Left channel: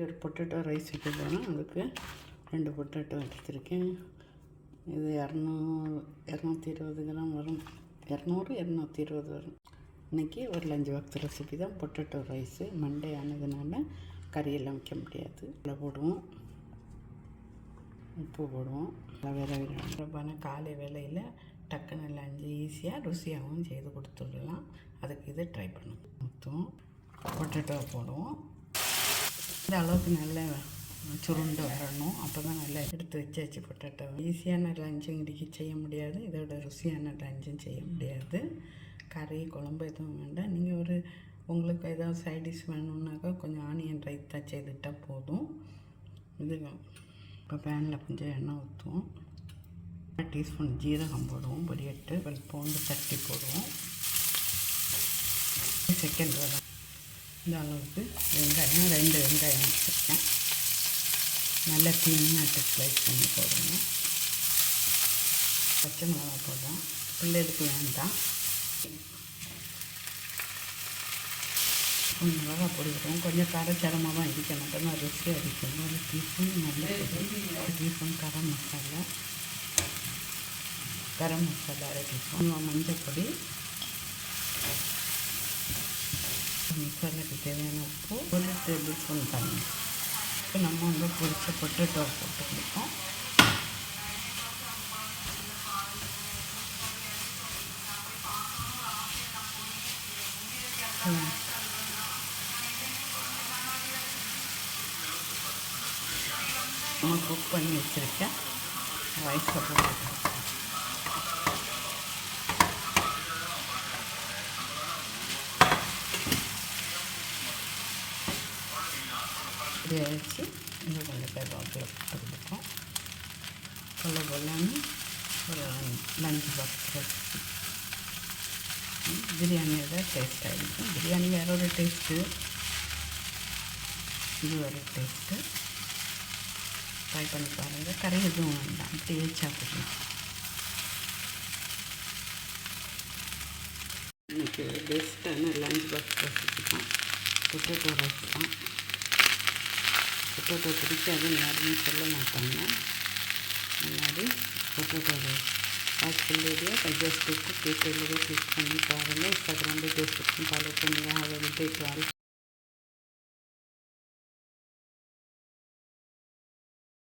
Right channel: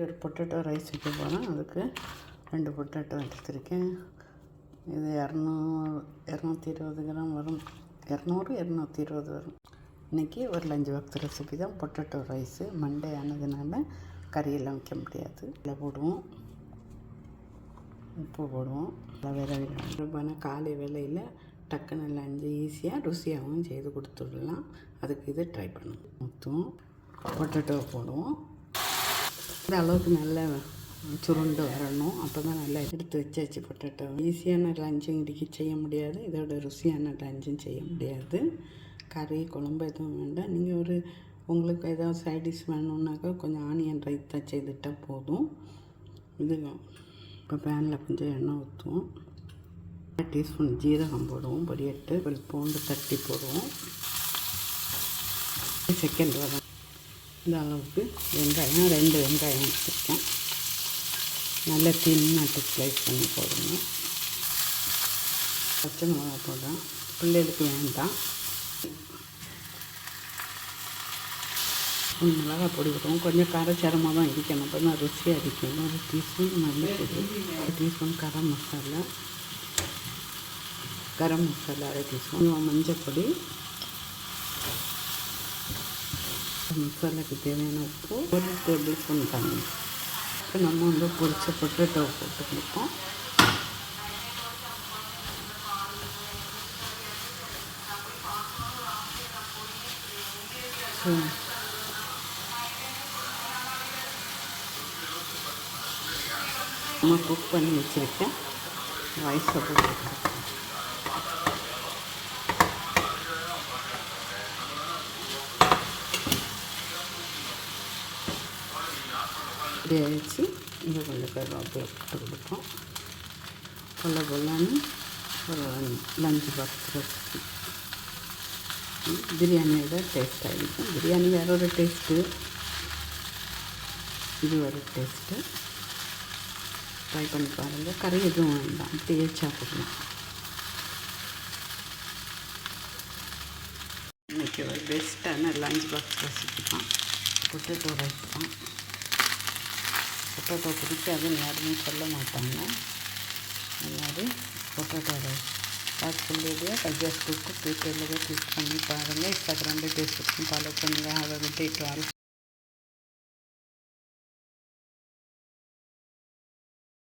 ஒரு potato rice வைக்க போகிறேன் அதுக்கு ரெண்டு பொட்டேட்டோ எடுத்துருக்கேன். இது இரநூறு இரநூத்தி இருபது கிராம் வரும். இரநூறு இரநூத்தி இருபது வரும். இன்றைக்கி ஒரு லஞ்சு பாக்ஸ் ரெசிபி தான். Potato rice. மண்டே ஆனதுனால கறியெல்லாம் வைக்க முடியாது. இதில் போடுவோம். உப்பு போடுவோம். வேற வேறு காலை வேலையில் டக்குன்னு லஞ்சு ஈஸியாக ருசியாகவும் செய்து கொடுத்துடலாம். அதுக்கு இது ட்ரை பண்ணுவோம். ஊற்றுவோம் பொட்டேட்டோ போடுவோம். இந்த அளவுக்கு நல்லா சுருண்டு வரணும். அப்போ தான் நல்லா எடுத்து வச்சாச்சு பொட்டேட்டோ ஈஸியான லஞ்சும் இன்றைக்கி செய்ய முடியாது. இதோட ருசியான லஞ்சும் செய்ய முடியாது. கறி குழம்பு எதுவும் வேண்டாம். நீங்கள் ஒரு உங்களுக்கு ஏதாவது சைட் டிஷ் வேணும்னாக்கா கொஞ்சம் ஆனியன் ரைத்தா செய்துட்டால் போதும். இது இப்போ பேனில் கொஞ்சம் எண்ணெய் ஊற்றுவோம் டீஸ்பூன் ஜீரகம் போடுவோம். பொரியட்டு ஒரு பூண்டு தட்டி போடுவோம். செகண்ட் வரும் இந்த அளவுக்கு வெங்காயம் ரெண்டு வெங்காயம் வச்சுருக்கேன். நல்லா தின்னாட்டு ஸ்லைஸ் பண்ணி போடணும். பச்சை மிளகா போடுறேன் பிள்ளைகளுக்கு வேண்டாம். மிளகா பொடி விடுவோம் கொஞ்சம் காரச்சாரமாக தான் இருக்கணும். அப்போ தான் ருசியாக இருக்கும் ஒரு டீஸ்பூன் மல்லிப்பொடி ஒரு டீஸ்பூன் கரம் மசாலா. கரம் மசாலா அரை டீஸ்பூன் மஞ்சள் பொடி மசாலாக்கு தேவையான உப்பு ஒரு டேபிள் ஸ்பூன் தண்ணி. இப்போ நம்ம வந்து பொரிச்ச பொட்டேட்டோ போட்டு கொடுப்போம். நான் குக் பண்ணி வச்சுருக்கேன். ரைஸை போட்டு இப்படி வச்சு இன்னும் கொஞ்சம் கருவேப்பிலை போட்டு கொடுப்போம் கொல்ல கொல்லன்னு ஒரு லஞ்சு பாக்ஸ் ரெசிபி பிரியாணியோட டேஸ்ட்டாக இருக்கும். பிரியாணி வேற ஒரு டேஸ்ட்டு இது ஒரு டேஸ்ட்டு ட்ரை பண்ணி பாருங்கள் கறி எதுவும் வேண்டாம். அப்படியே சாப்பிடலாம் இன்றைக்கி ஒரு பெஸ்ட்டான லஞ்ச் பாக்ஸ் ரெசிபி தான். பொட்டேட்டோ ரைஸ் தான். పొటాటో పిడిచాను నేను చల్ల మాట్టాను అన్నది పొటాటో రైస్. పాచిపల్లిగా పచ్చేసి కుక్కు పీటర్లుగా తీసుకుని పాడంగా ఇంస్టాగ్రామ్లో తీసుకుని పాలకొని ఆవగడ్డ ఇటు వాళ్ళు